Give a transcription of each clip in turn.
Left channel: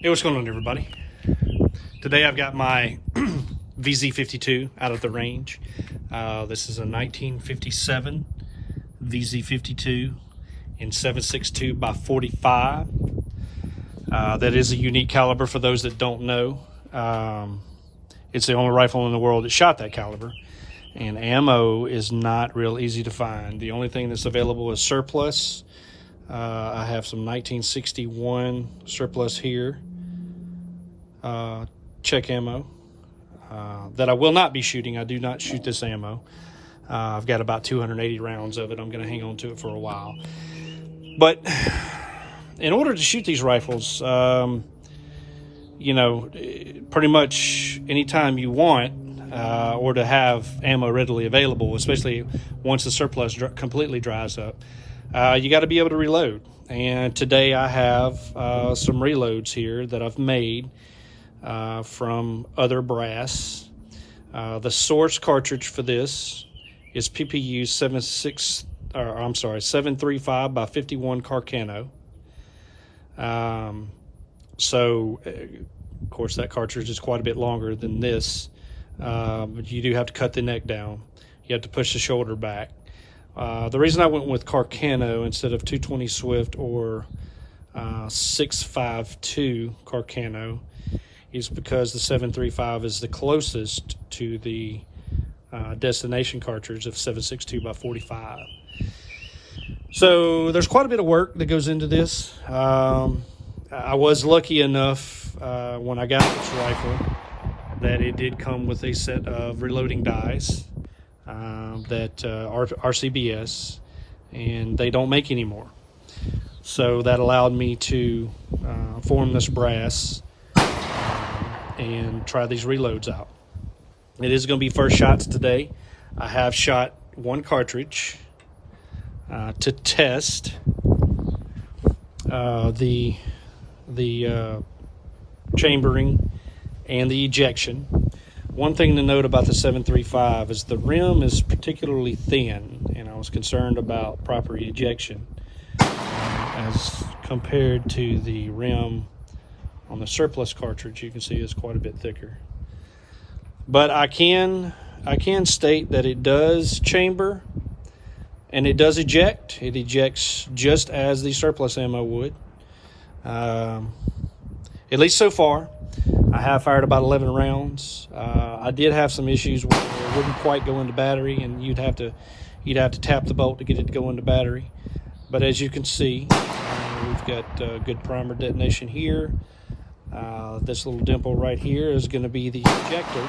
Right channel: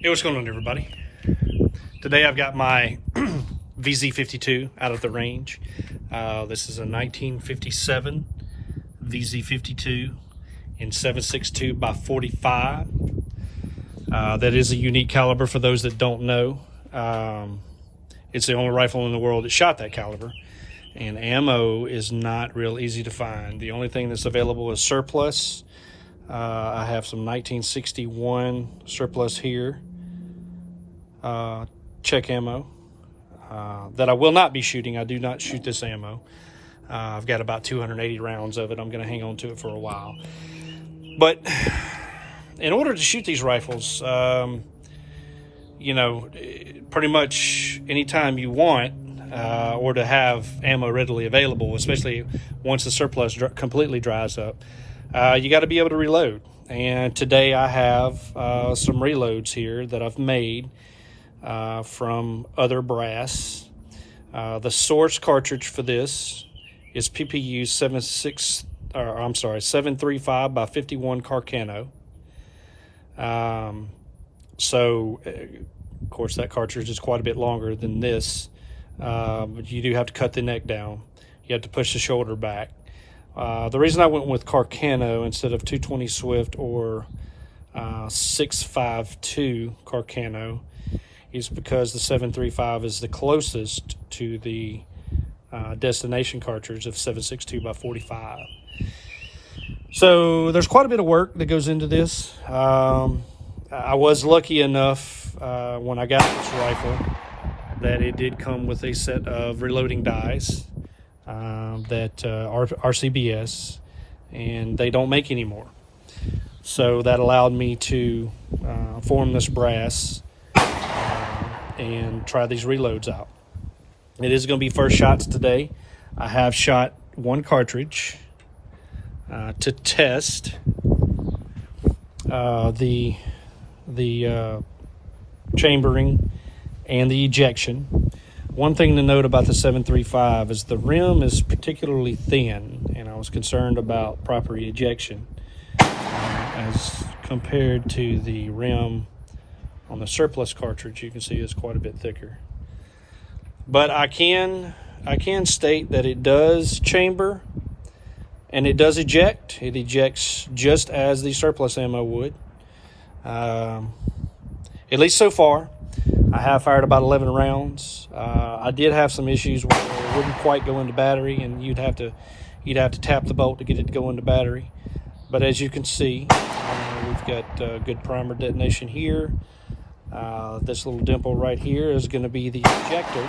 Hey, what's going on, everybody? Today I've got my VZ52 out of the range. This is a 1957 VZ52 in 7.62 by 45. That is a unique caliber for those that don't know. It's the only rifle in the world that shot that caliber, and ammo is not real easy to find. The only thing that's available is surplus. I have some 1961 surplus here. Check ammo that I will not be shooting. I do not shoot this ammo. I've got about 280 rounds of it. I'm going to hang on to it for a while. But in order to shoot these rifles, you know, pretty much anytime you want, or to have ammo readily available, especially once the surplus completely dries up, you got to be able to reload. And today I have some reloads here that I've made from other brass. The source cartridge for this is PPU 7.35 by 51 Carcano. So of course that cartridge is quite a bit longer than this, but you do have to cut the neck down. You have to push the shoulder back. The reason I went with Carcano instead of 220 Swift or 6.52 Carcano is because the 7.35 is the closest to the destination cartridge of 7.62 by 45. So there's quite a bit of work that goes into this. I was lucky enough when I got this rifle that it did come with a set of reloading dies that are RCBS, and they don't make anymore. So that allowed me to form this brass and try these reloads out. It is going to be first shots today. I have shot one cartridge to test the chambering and the ejection. One thing to note about the 7.35 is the rim is particularly thin, and I was concerned about proper ejection as compared to the rim on the surplus cartridge. You can see it's quite a bit thicker. But I can state that it does chamber and it does eject. It ejects just as the surplus ammo would. At least so far. I have fired about 11 rounds. I did have some issues where it wouldn't quite go into battery, and you'd have to tap the bolt to get it to go into battery. But as you can see, we've got good primer detonation here. This little dimple right here is going to be the ejector.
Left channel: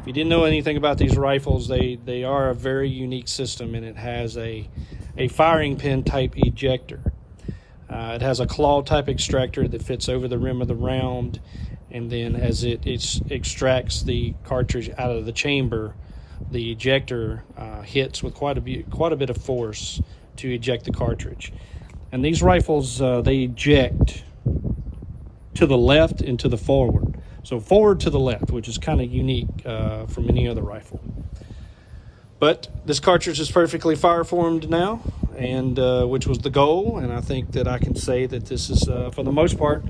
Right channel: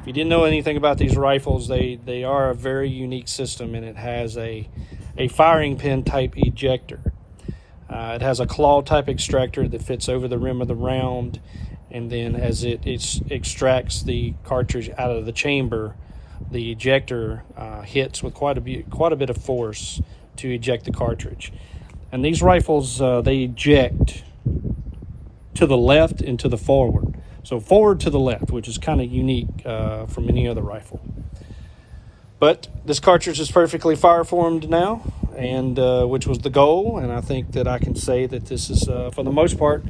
If you didn't know anything about these rifles, they are a very unique system, and it has a firing pin type ejector. It has a claw type extractor that fits over the rim of the round, and then as it extracts the cartridge out of the chamber, the ejector hits with quite a bit of force to eject the cartridge. And these rifles, they eject to the left and to the forward. So forward to the left, which is kind of unique from any other rifle. But this cartridge is perfectly fire formed now, and which was the goal. And I think that I can say that this is, for the most part,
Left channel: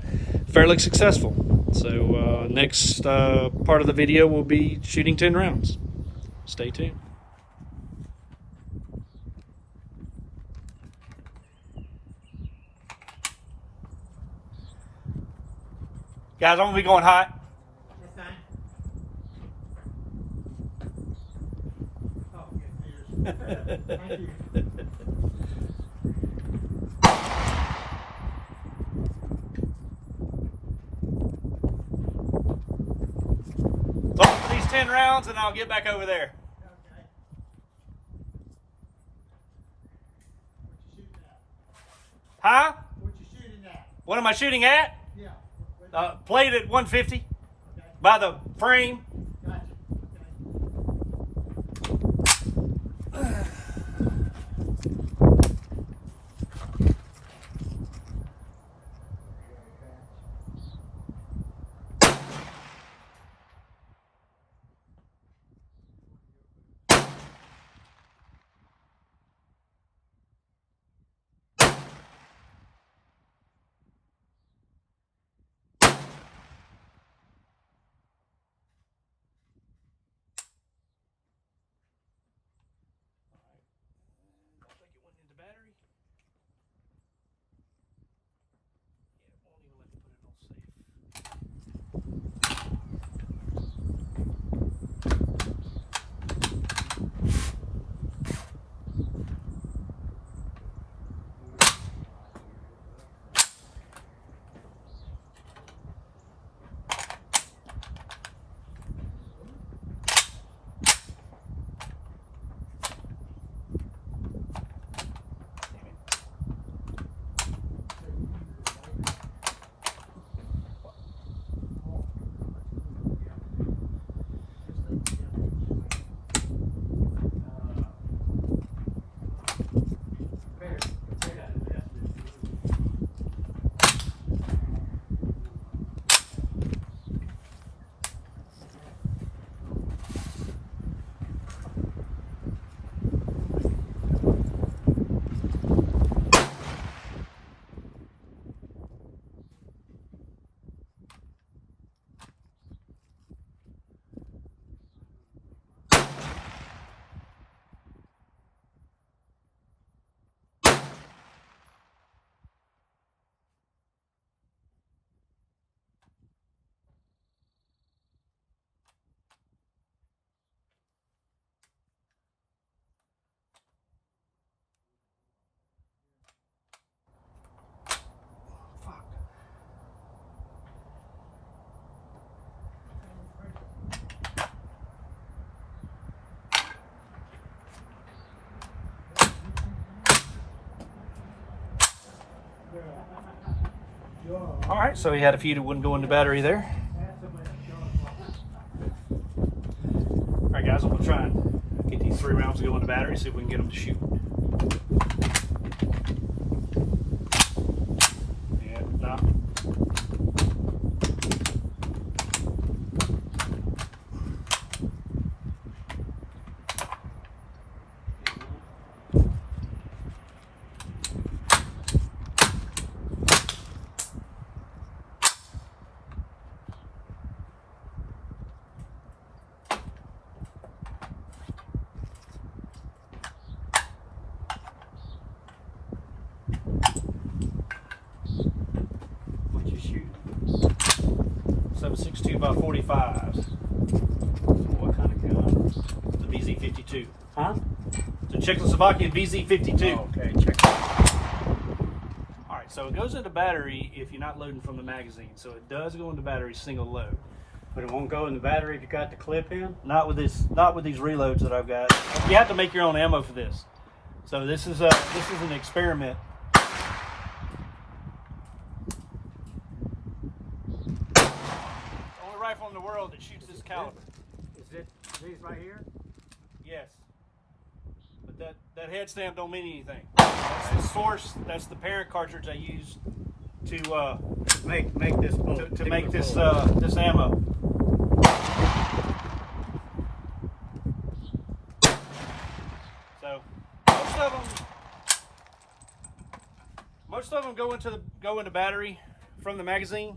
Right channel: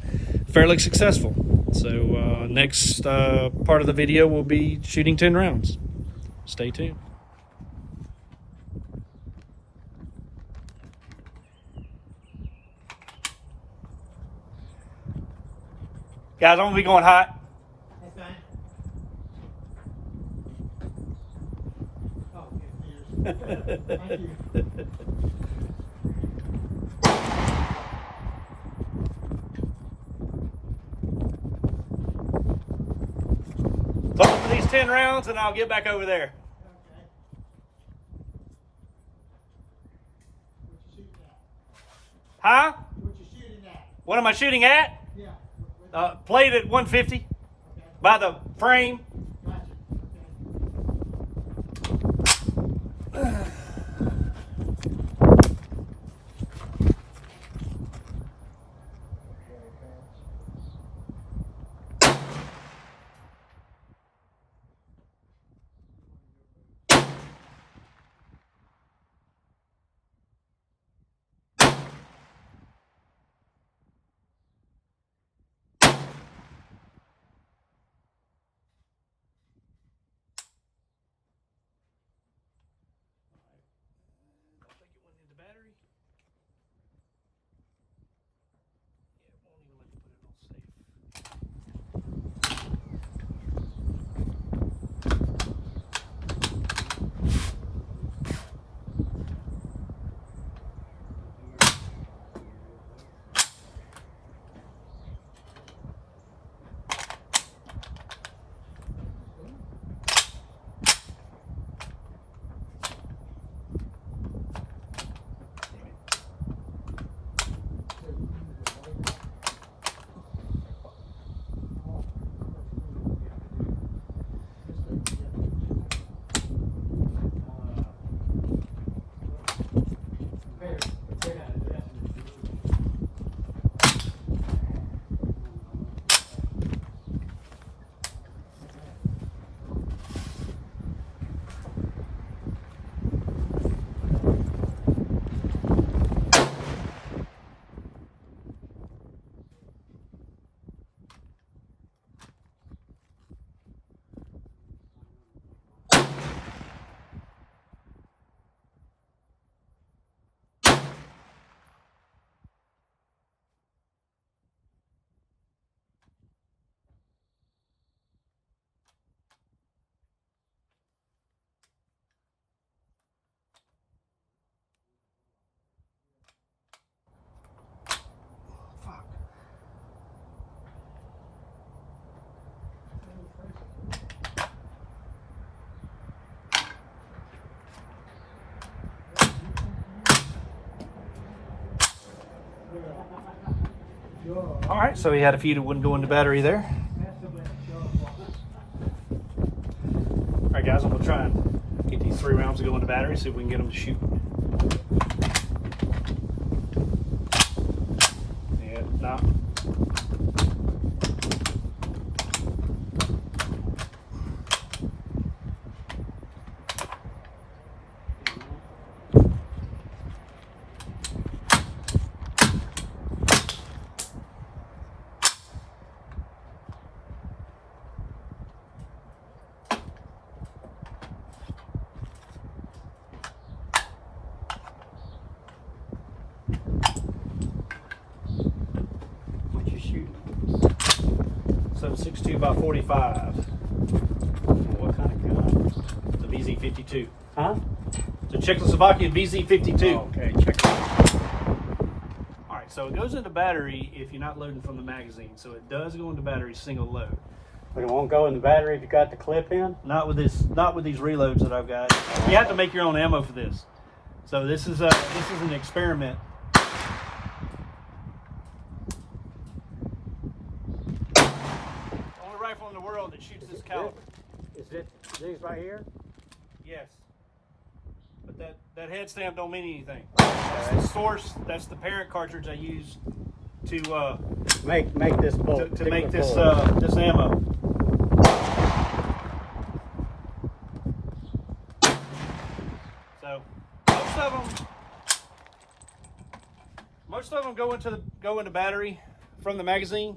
fairly successful. So next part of the video will be shooting 10 rounds. Stay tuned. Guys, I'm gonna be going hot. That's fine. Oh, Thank you. Close for these 10 rounds and I'll get back over there. Okay. What you shooting at? Huh? What you shooting at? What am I shooting at? Yeah. Played at 150 Okay. by the frame. Gotcha. All right, so he had a few that wouldn't go in the battery there. All right, guys, I'm gonna try and get these 3 rounds to go in the battery, see if we can get them to shoot. Yeah, nah. What you shoot? 7.62x45mm. What kind of gun? The VZ52. Huh? It's a Czechoslovakian VZ52. Oh, okay, check it out. All right, so it goes into battery if you're not loading from the magazine. So it does go into battery single load. But it won't go in the battery if you got the clip in? Not with these reloads that I've got. You have to make your own ammo for this. So this is an experiment. Only rifle in the world that shoots this caliber. Is it these right here? Yes. But that head stamp don't mean anything. That's the source. That's the parent cartridge I use to Make this bolt. to make this this ammo. So most of them go into battery from the magazine.